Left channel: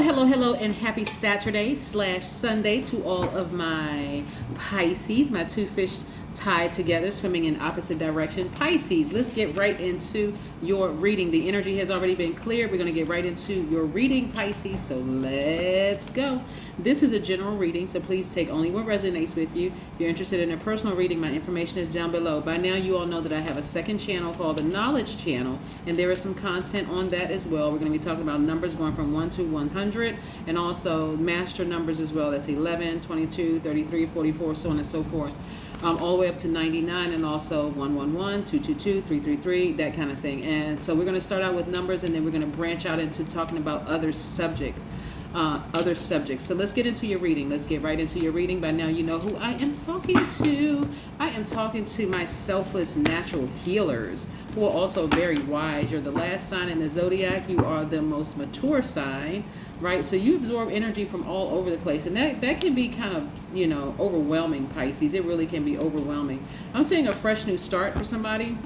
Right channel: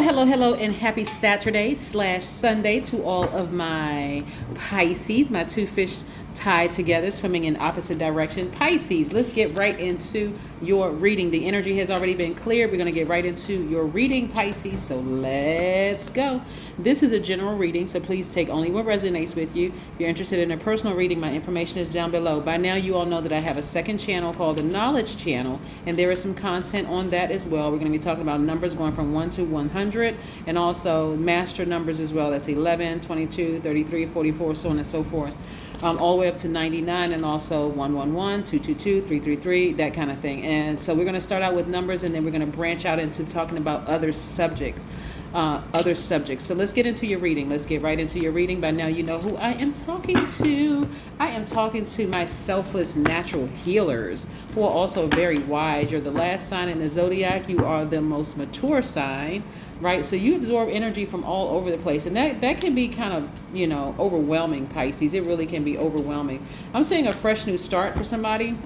Hello, and happy Saturday/Sunday to all of my Pisces, my two fish tied together, swimming in opposite direction. Pisces, let's get right into your reading. The energy has already been cleared. We're going to get right into your reading, Pisces, so let's go. This is a general reading, so please take only what resonates with you. If you're interested in a personal reading, my information is down below. By now, you all know that I have a second channel called the Knowledge Channel, and there is some content on that as well. We're going to be talking about numbers going from 1 to 100, and also master numbers as well. That's 11, 22, 33, 44, so on and so forth. All the way up to 99, and also 111, 222, 333, that kind of thing. And so we're going to start out with numbers, and then we're going to branch out into talking about other subjects. So let's get into your reading. Let's get right into your reading. By now, you know who I am talking to. I am talking to my selfless natural healers, who are also very wise. You're the last sign in the Zodiac. You are the most mature sign, right? So you absorb energy from all over the place, and that can be kind of, overwhelming, Pisces. It really can be overwhelming. I'm seeing a fresh new start for somebody,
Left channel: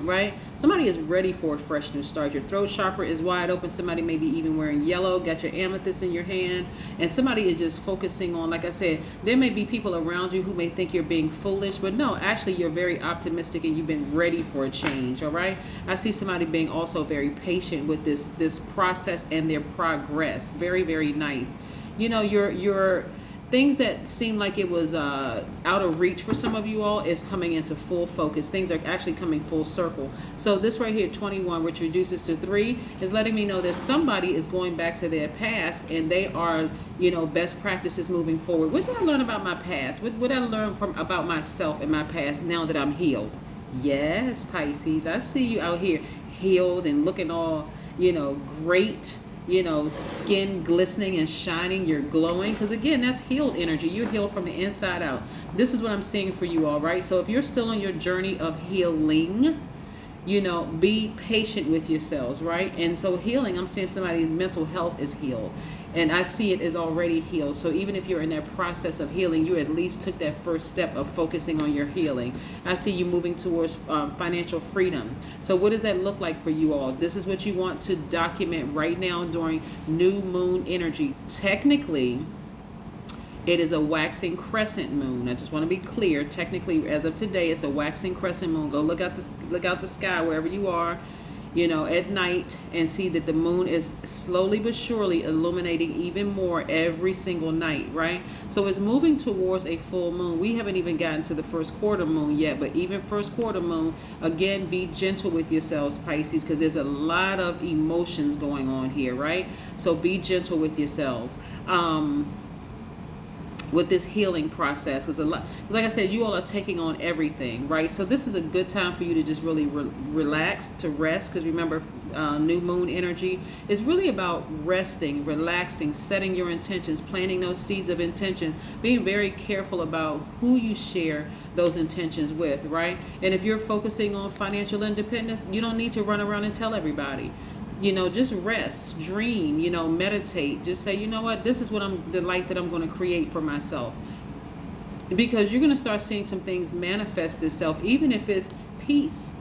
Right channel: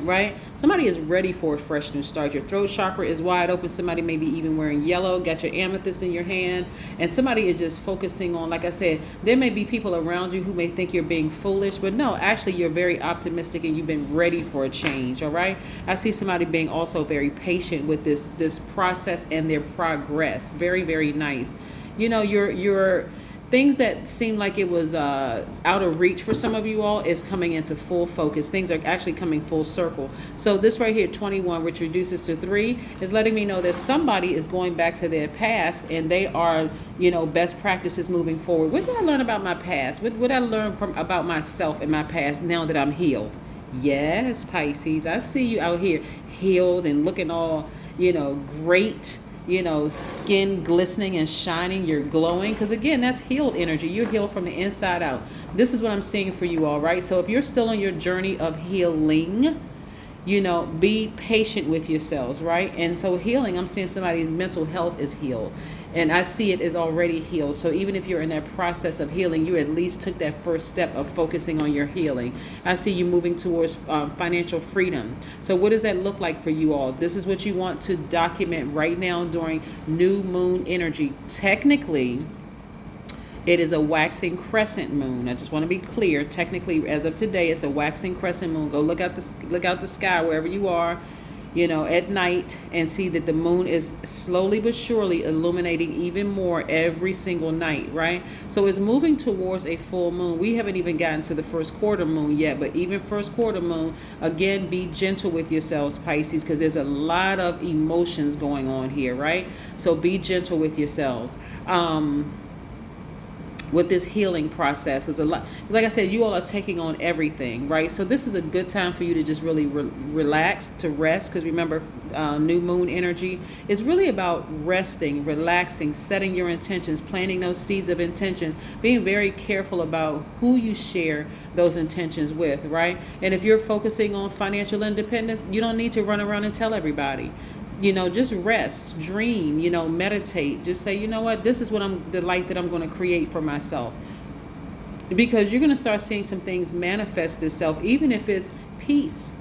right? Somebody is ready for a fresh new start. Your throat chakra is wide open. Somebody may be even wearing yellow, got your amethyst in your hand, and somebody is just focusing on, like I said, there may be people around you who may think you're being foolish, but no, actually you're very optimistic and you've been ready for a change, all right? I see somebody being also very patient with this process and their progress. Very, very nice. You're things that seem like it was out of reach for some of you all is coming into full focus. Things are actually coming full circle. So this right here, 21, which reduces to 3, is letting me know that somebody is going back to their past, and they are, best practices moving forward. What did I learn about my past? What did I learn about myself and my past now that I'm healed? Yes, Pisces, I see you out here healed and looking all, great. Skin glistening and shining, you're glowing, because again, that's healed energy. You're healed from the inside out. This is what I'm seeing for you all, right? So if you're still on your journey of healing, be patient with yourselves, right? And so healing, I'm seeing somebody's mental health is healed, and I see it is already healed. So even if you're in that process of healing, you at least took that first step of focusing on your healing. I see you moving towards financial freedom. So what does that look like for you all? This is what you want to document right now during new moon energy. Technically, it is a waxing crescent moon. I just want to be clear. Technically, as of today, it's a waxing crescent moon. Go look out the sky wherever you are, at night, and see that the moon is slowly but surely illuminating even more every single night, right? So it's moving towards a full moon. We haven't even gotten to the first quarter moon yet, but even first quarter moon, again, be gentle with yourselves, Pisces, because there's a lot of emotions going on here, right? So be gentle with yourselves. With this healing process, because like I said, you all are taking on everything, right? So this is a good time for you to just really relax, to rest, because remember, new moon energy is really about resting, relaxing, setting your intentions, planting those seeds of intention, being very careful about who you share those intentions with, right? And if you're focusing on financial independence, you don't need to run around and tell everybody. Just rest, dream, meditate. Just say, what, this is the life that I'm going to create for myself. Because you're going to start seeing some things manifest itself, even if it's peace.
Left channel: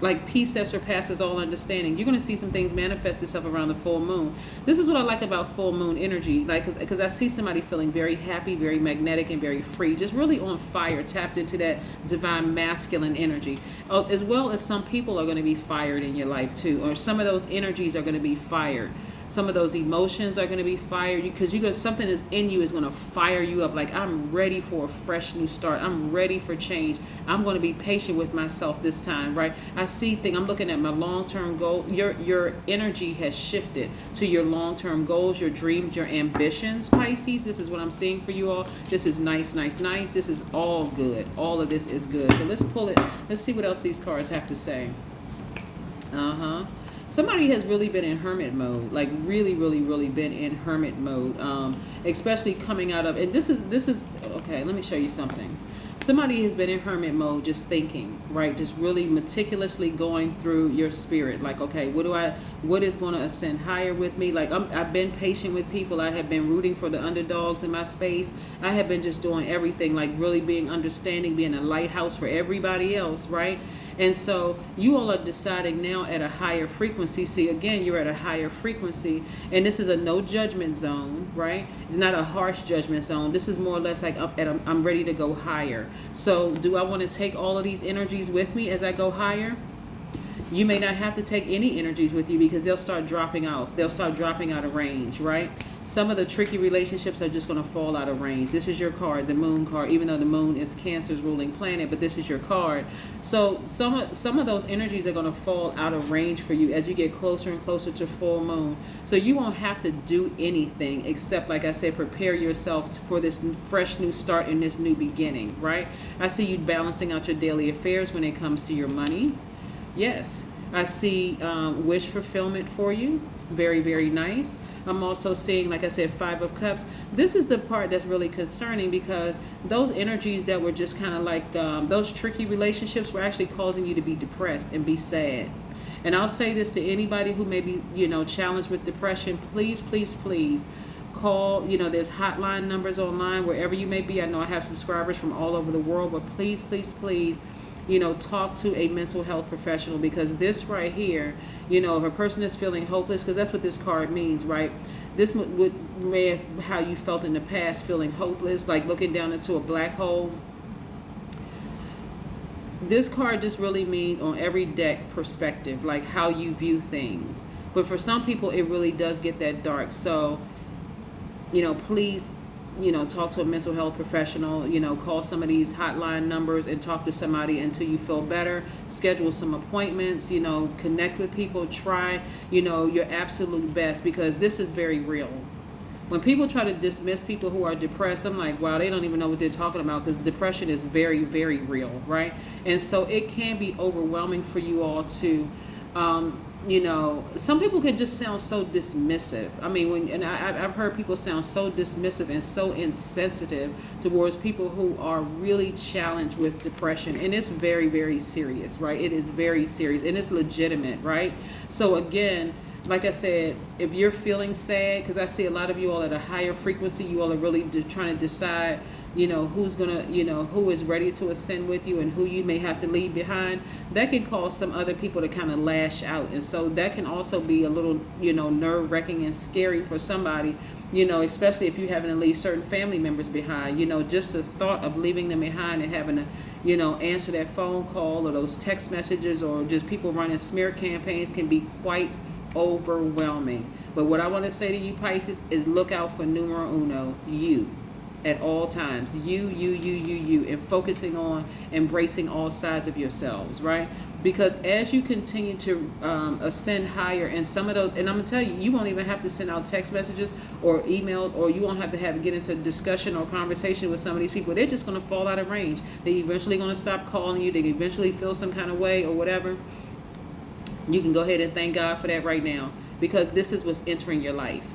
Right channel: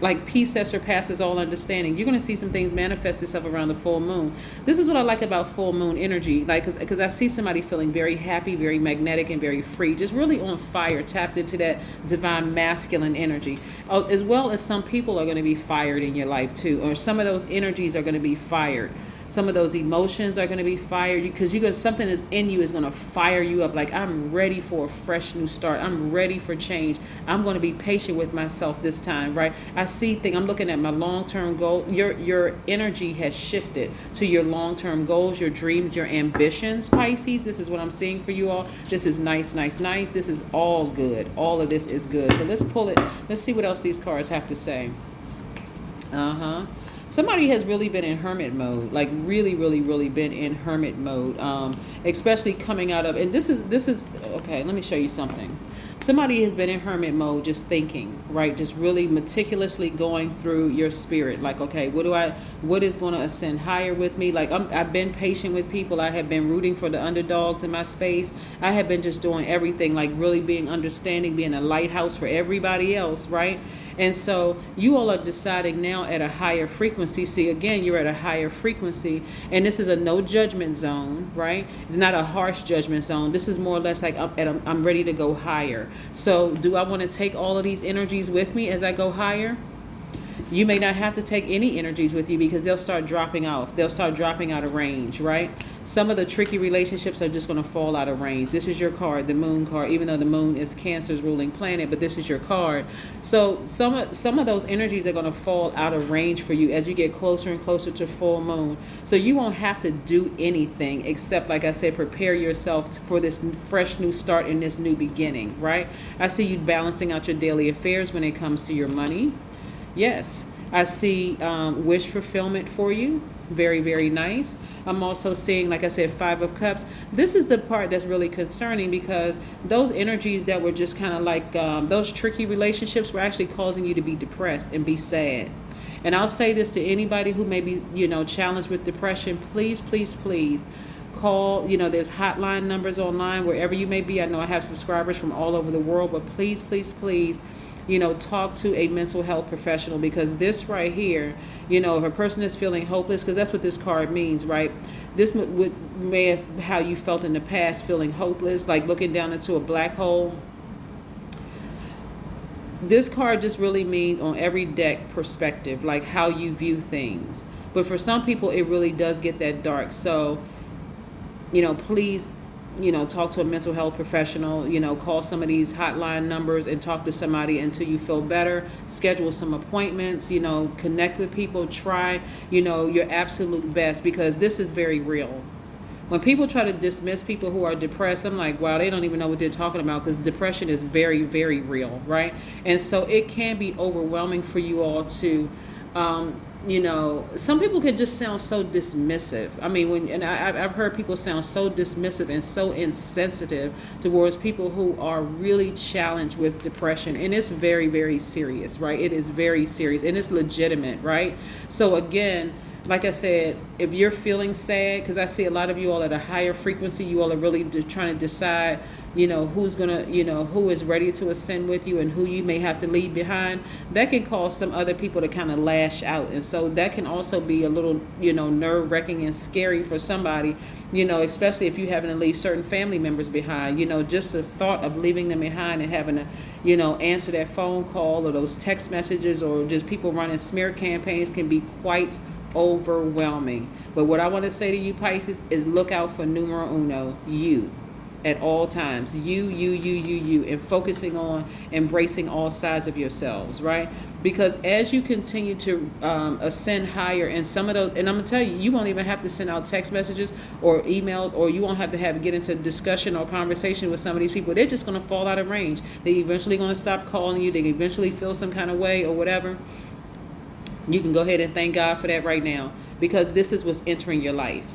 Like peace that surpasses all understanding. You're going to see some things manifest itself around the full moon. This is what I like about full moon energy. Like, because I see somebody feeling very happy, very magnetic, and very free. Just really on fire, tapped into that divine masculine energy. As well as some people are going to be fired in your life too. Or some of those energies are going to be fired. Some of those emotions are going to be fired, because something is in you is going to fire you up. Like, I'm ready for a fresh new start. I'm ready for change. I'm going to be patient with myself this time, right? I'm looking at my long-term goal. Your energy has shifted to your long-term goals, your dreams, your ambitions, Pisces. This is what I'm seeing for you all. This is nice. This is all good. All of this is good. So let's pull it. Let's see what else these cards have to say. Somebody has really been in hermit mode, like really, really, really been in hermit mode, especially coming out of, and this is, okay, let me show you something. Somebody has been in hermit mode, just thinking, right? Just really meticulously going through your spirit. Like, okay, what is going to ascend higher with me? Like, I've been patient with people. I have been rooting for the underdogs in my space. I have been just doing everything, like really being understanding, being a lighthouse for everybody else, right? And so you all are deciding now at a higher frequency. See, again, you're at a higher frequency, and this is a no judgment zone, right? It's not a harsh judgment zone. This is more or less like I'm ready to go higher. So do I want to take all of these energies with me as I go higher? You may not have to take any energies with you because they'll start dropping off. They'll start dropping out of range, right? Some of the tricky relationships are just going to fall out of range. This is your card, the moon card, even though the moon is Cancer's ruling planet, but this is your card. So some of those energies are going to fall out of range for you as you get closer and closer to full moon. So you won't have to do anything except, like I said, prepare yourself for this fresh new start and this new beginning, right? I see you balancing out your daily affairs when it comes to your money. Yes, I see wish fulfillment for you. Very, very nice. I'm also seeing, like I said, 5 of Cups. This is the part that's really concerning because those energies that were just kind of like those tricky relationships were actually causing you to be depressed and be sad. And I'll say this to anybody who may be, challenged with depression. Please, please, please call. There's hotline numbers online wherever you may be. I know I have subscribers from all over the world, but please, please, please, talk to a mental health professional, because this right here, if a person is feeling hopeless, because that's what this card means, right? This may have how you felt in the past, feeling hopeless, like looking down into a black hole. This card just really means on every deck perspective, like how you view things. But for some people, it really does get that dark. So, please, talk to a mental health professional, call some of these hotline numbers and talk to somebody until you feel better. Schedule some appointments, connect with people, try, your absolute best, because this is very real. When people try to dismiss people who are depressed, I'm like, wow, they don't even know what they're talking about, because depression is very, very real, right? And so it can be overwhelming for you all to, some people can just sound so dismissive. I mean, I've heard people sound so dismissive and so insensitive towards people who are really challenged with depression. And it's very, very serious, right? It is very serious and it's legitimate, right? So again, like I said, if you're feeling sad, because I see a lot of you all at a higher frequency, you all are really trying to decide, who's gonna, who is ready to ascend with you and who you may have to leave behind. That can cause some other people to kind of lash out. And so that can also be a little, nerve-wracking and scary for somebody, especially if you're having to leave certain family members behind. Just the thought of leaving them behind and having to, answer that phone call or those text messages or just people running smear campaigns can be quite overwhelming. But what I want to say to you, Pisces, is look out for numero uno, you. At all times, you, and focusing on embracing all sides of yourselves, right? Because as you continue to ascend higher, and some of those, and I'm gonna tell you, you won't even have to send out text messages or emails, or you won't have to get into discussion or conversation with some of these people. They're just gonna fall out of range. They eventually gonna stop calling you. They eventually feel some kind of way or whatever. You can go ahead and thank God for that right now, because this is what's entering your life.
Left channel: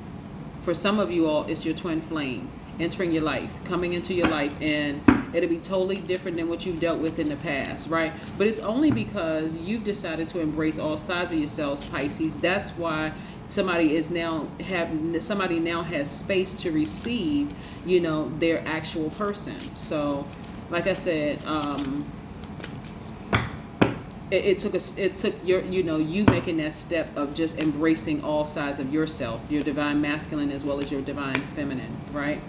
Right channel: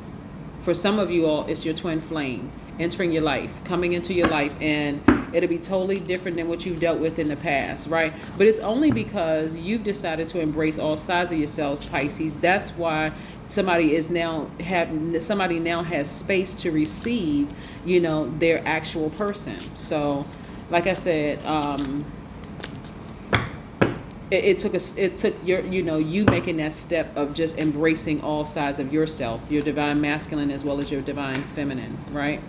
For some of you all, it's your twin flame entering your life, coming into your life, and it'll be totally different than what you've dealt with in the past, right? But it's only because you've decided to embrace all sides of yourselves, Pisces. That's why somebody now has space to receive, their actual person. So, like I said, it took your, you making that step of just embracing all sides of yourself, your divine masculine as well as your divine feminine, right?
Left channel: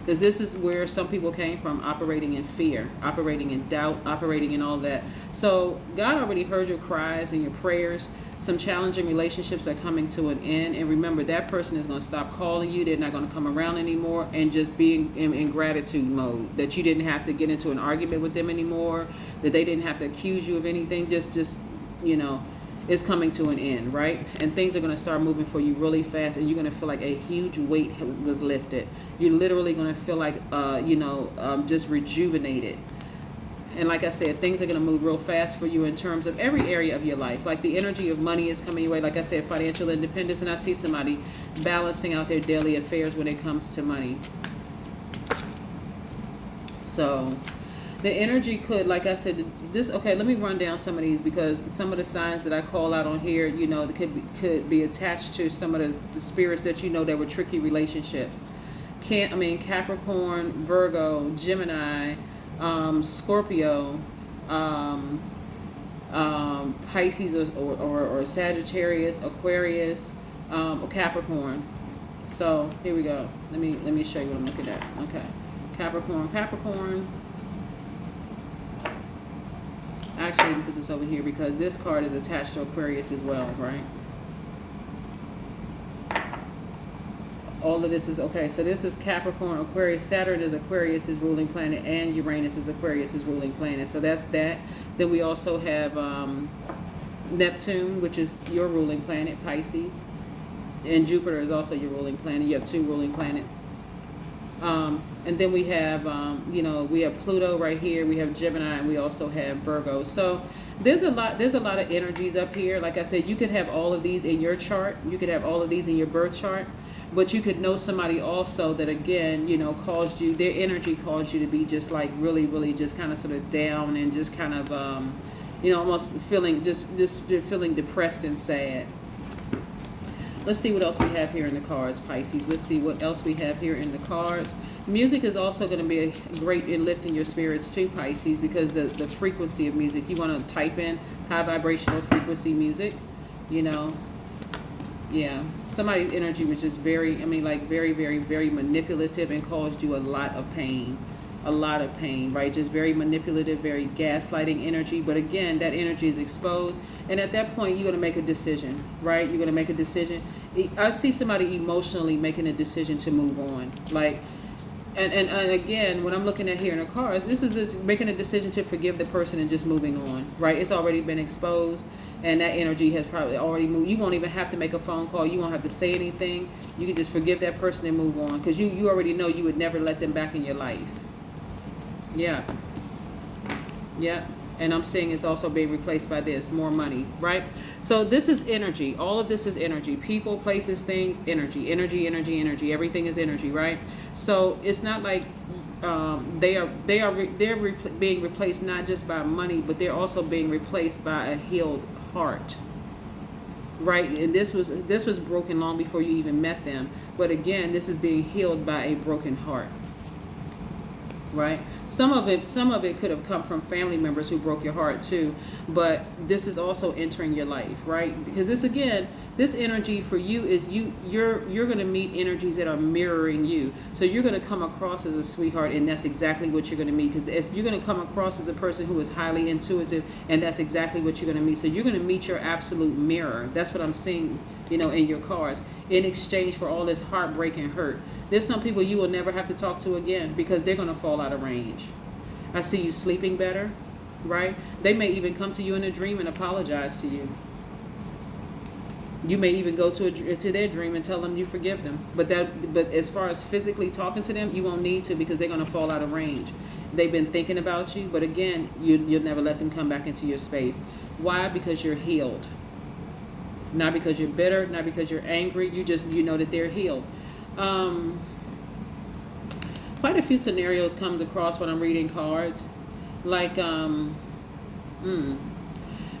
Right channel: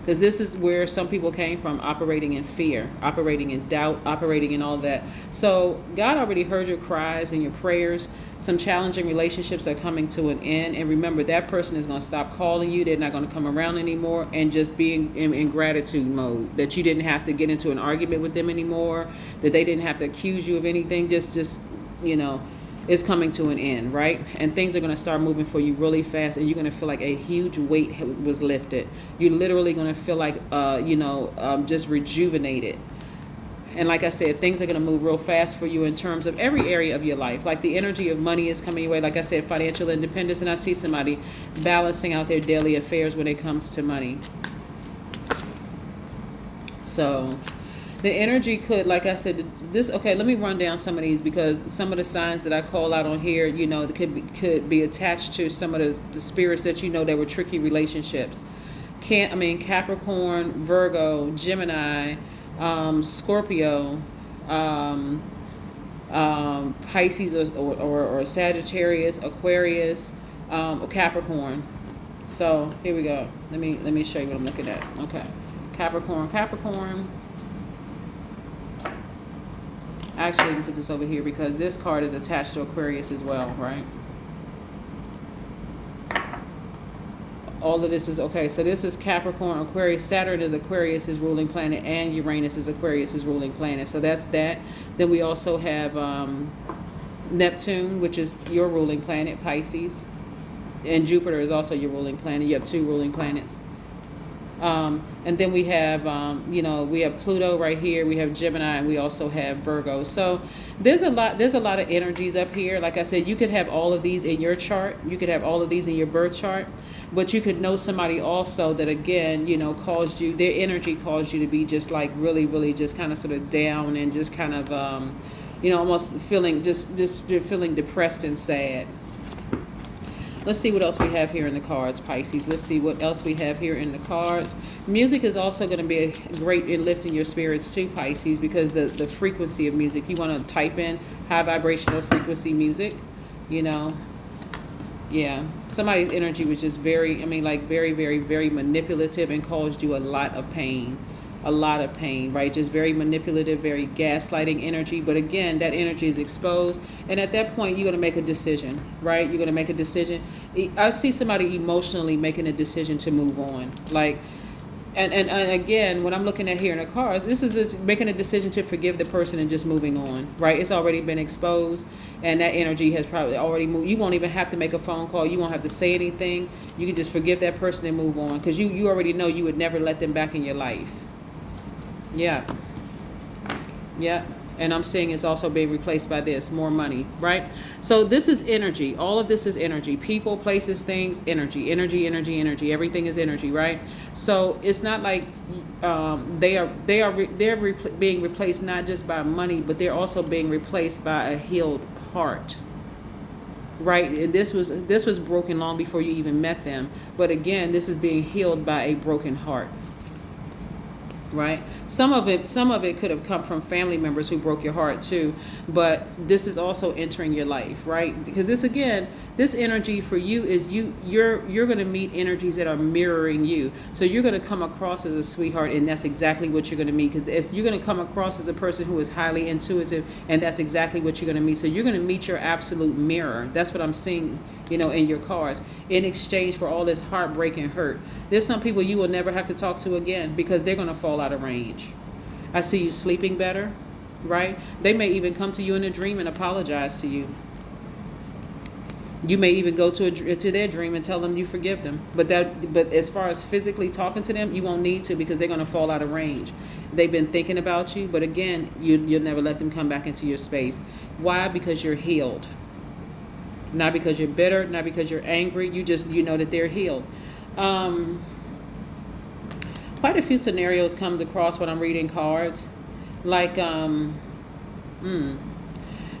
Because this is where some people came from, operating in fear, operating in doubt, operating in all that. So God already heard your cries and your prayers. Some challenging relationships are coming to an end. And remember, that person is going to stop calling you. They're not going to come around anymore, and just being in gratitude mode, that you didn't have to get into an argument with them anymore, that they didn't have to accuse you of anything. Just it's coming to an end, right? And things are going to start moving for you really fast, and you're going to feel like a huge weight was lifted. You're literally going to feel like, just rejuvenated. And like I said, things are going to move real fast for you in terms of every area of your life. Like the energy of money is coming your way. Like I said, financial independence. And I see somebody balancing out their daily affairs when it comes to money. So the energy could, like I said, okay, let me run down some of these, because some of the signs that I call out on here, that could be attached to some of the spirits that that were tricky relationships. Capricorn, Virgo, Gemini, Scorpio, Pisces or Sagittarius, Aquarius, or Capricorn. So here we go. Let me show you what I'm looking at. Okay, Capricorn. Actually, let me put this over here because this card is attached to Aquarius as well, right? All of this is okay. So this is Capricorn, Aquarius. Saturn is Aquarius's ruling planet, and Uranus is Aquarius's ruling planet. So that's that. Then we also have Neptune, which is your ruling planet, Pisces, and Jupiter is also your ruling planet. You have two ruling planets. And then we have, we have Pluto right here. We have Gemini, and we also have Virgo. So there's a lot of energies up here. Like I said, you could have all of these in your chart. You could have all of these in your birth chart. But you could know somebody also that, again, caused you, their energy caused you to be just like really, really just kind of sort of down and just kind of, almost feeling just feeling depressed and sad. Let's see what else we have here in the cards, Pisces. Let's see what else we have here in the cards. Music is also going to be great in lifting your spirits too, Pisces, because the frequency of music. You want to type in high vibrational frequency music, Yeah, somebody's energy was just very, very, very, very manipulative and caused you a lot of pain, right? Just very manipulative, very gaslighting energy. But again, that energy is exposed. And at that point, you're going to make a decision, right? You're going to make a decision. I see somebody emotionally making a decision to move on. And again, what I'm looking at here in the cards, this is just making a decision to forgive the person and just moving on, right? It's already been exposed, and that energy has probably already moved. You won't even have to make a phone call. You won't have to say anything. You can just forgive that person and move on, because you already know you would never let them back in your life. Yeah. And I'm saying it's also being replaced by this, more money, right? So this is energy. All of this is energy. People, places, things, energy. Everything is energy, right? So it's not like they're being replaced not just by money, but they're also being replaced by a healed heart, right? And this was broken long before you even met them. But again, this is being healed by a broken heart. Right. Some of it could have come from family members who broke your heart too, but this is also entering your life, right? Because this energy for you is you're going to meet energies that are mirroring you. So you're going to come across as a sweetheart, and that's exactly what you're going to meet, because you're going to come across as a person who is highly intuitive, and that's exactly what you're going to meet. So you're going to meet your absolute mirror. That's what I'm seeing, in your cards, in exchange for all this heartbreak and hurt. There's some people you will never have to talk to again because they're going to fall out of range. I see you sleeping better, right? They may even come to you in a dream and apologize to you. You may even go to their dream and tell them you forgive them. But as far as physically talking to them, you won't need to, because they're going to fall out of range. They've been thinking about you, but again, you'll never let them come back into your space. Why? Because you're healed. Not because you're bitter, not because you're angry. You know that they're healed. Quite a few scenarios comes across when I'm reading cards, like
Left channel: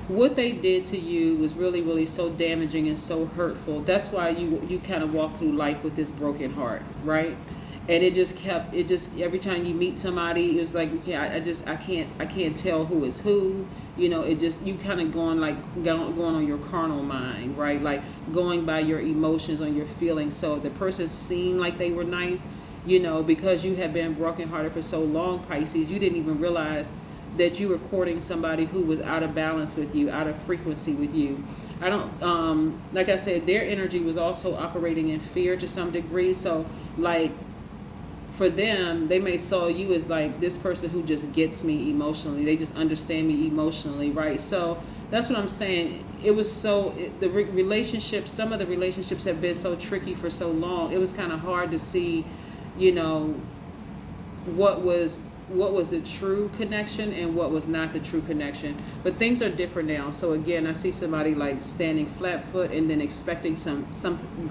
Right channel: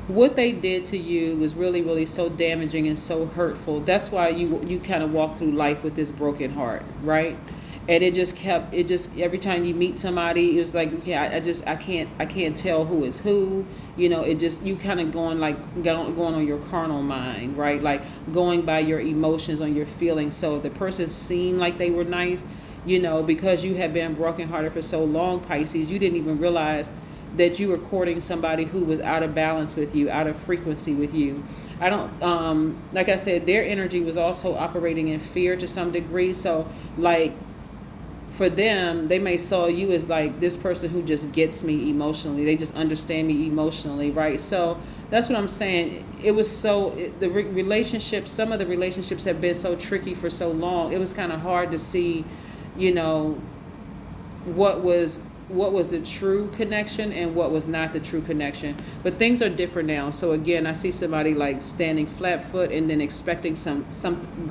what they did to you was really, really so damaging and so hurtful. That's why you kind of walk through life with this broken heart, right? And it just every time you meet somebody, it's like, okay, I can't tell who is who. You kind of going on your carnal mind, right? Like going by your emotions, on your feelings. So if the person seemed like they were nice, because you have been brokenhearted for so long, Pisces, you didn't even realize that you were courting somebody who was out of balance with you, out of frequency with you. I don't, like I said, their energy was also operating in fear to some degree. So like, for them, they may saw you as like this person who just gets me emotionally. They just understand me emotionally, right? So that's what I'm saying. It was relationships, some of the relationships have been so tricky for so long. It was kind of hard to see, what was the true connection and what was not the true connection. But things are different now. So again, I see somebody like standing flat foot and then expecting some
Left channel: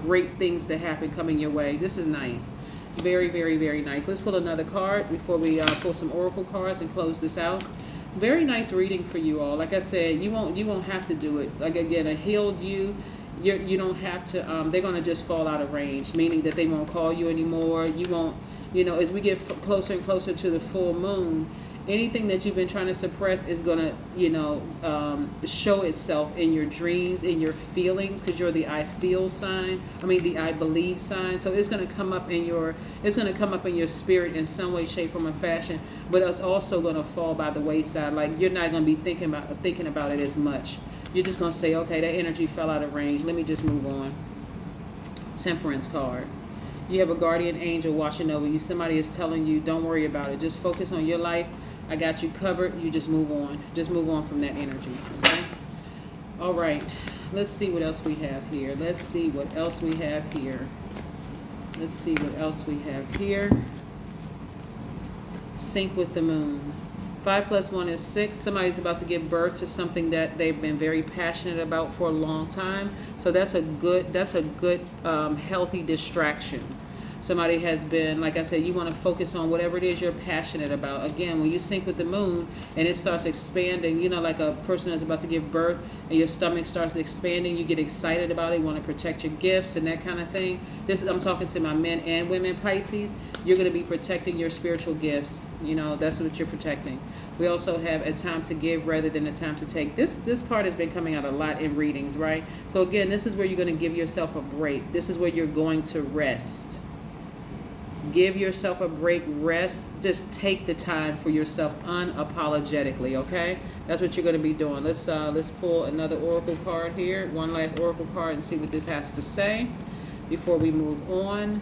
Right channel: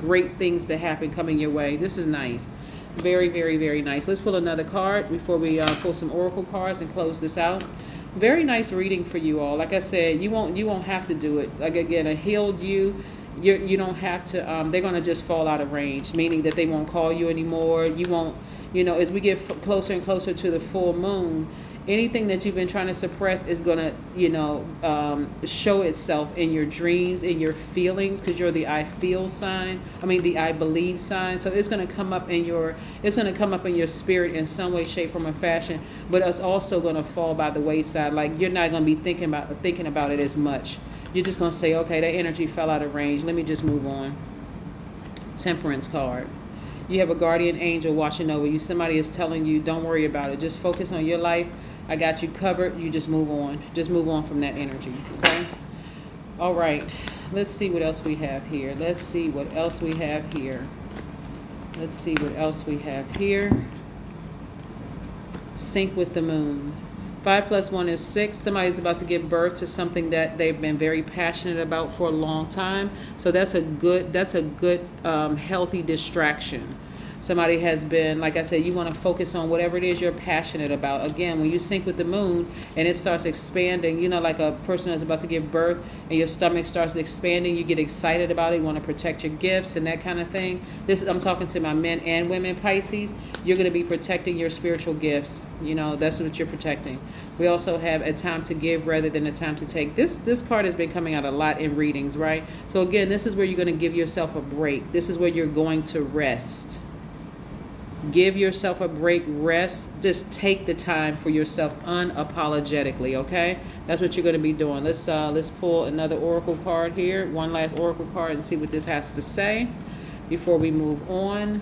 great things to happen coming your way. This is nice. Very, very, very nice. Let's pull another card before we pull some oracle cards and close this out. Very nice reading for you all. Like I said, you won't have to do it. Like again, a healed you don't have to. They're gonna just fall out of range, meaning that they won't call you anymore. You won't. As we get closer and closer to the full moon, Anything that you've been trying to suppress is going to, show itself in your dreams, in your feelings, because you're the I feel sign. The I believe sign. So it's going to come up in your spirit in some way, shape, form, or fashion. But it's also going to fall by the wayside. Like, you're not going to be thinking about it as much. You're just going to say, okay, that energy fell out of range. Let me just move on. Temperance card. You have a guardian angel watching over you. Somebody is telling you, don't worry about it. Just focus on your life. I got you covered. You just move on. Just move on from that energy. Okay? All right. Let's see what else we have here. Sync with the moon. 5 + 1 is 6. Somebody's about to give birth to something that they've been very passionate about for a long time. So that's a good healthy distraction. Somebody has been, like I said, you want to focus on whatever it is you're passionate about. Again, when you sync with the moon and it starts expanding, like a person is about to give birth and your stomach starts expanding, you get excited about it, you want to protect your gifts and that kind of thing. I'm talking to my men and women Pisces. You're going to be protecting your spiritual gifts. That's what you're protecting. We also have a time to give rather than a time to take. This card has been coming out a lot in readings, right? So again, this is where you're going to give yourself a break. This is where you're going to rest. Give yourself a break, rest. Just take the time for yourself unapologetically, okay? That's what you're going to be doing. Let's pull another oracle card here. One last oracle card and see what this has to say before we move on.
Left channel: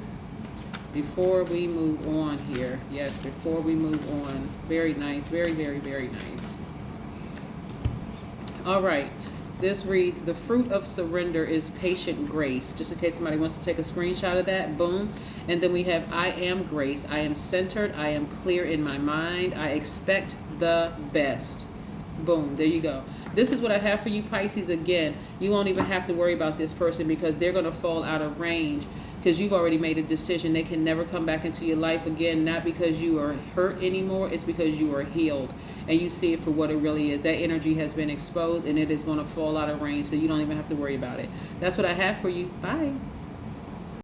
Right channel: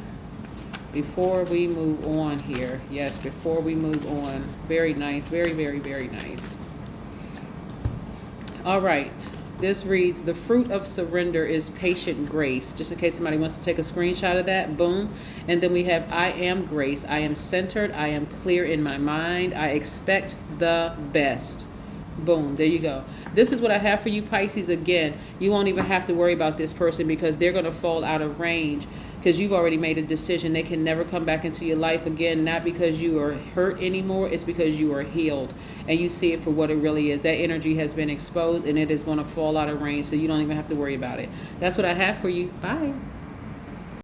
Here. Yes, before we move on. Very nice. Very, very, very nice. All right. This reads, the fruit of surrender is patient grace. Just in case somebody wants to take a screenshot of that, boom. And then we have, I am grace. I am centered. I am clear in my mind. I expect the best. Boom, there you go. This is what I have for you, Pisces. Again, you won't even have to worry about this person because they're going to fall out of range because you've already made a decision. They can never come back into your life again, not because you are hurt anymore. It's because you are healed and you see it for what it really is. That energy has been exposed and it is going to fall out of range, so you don't even have to worry about it. That's what I have for you. Bye.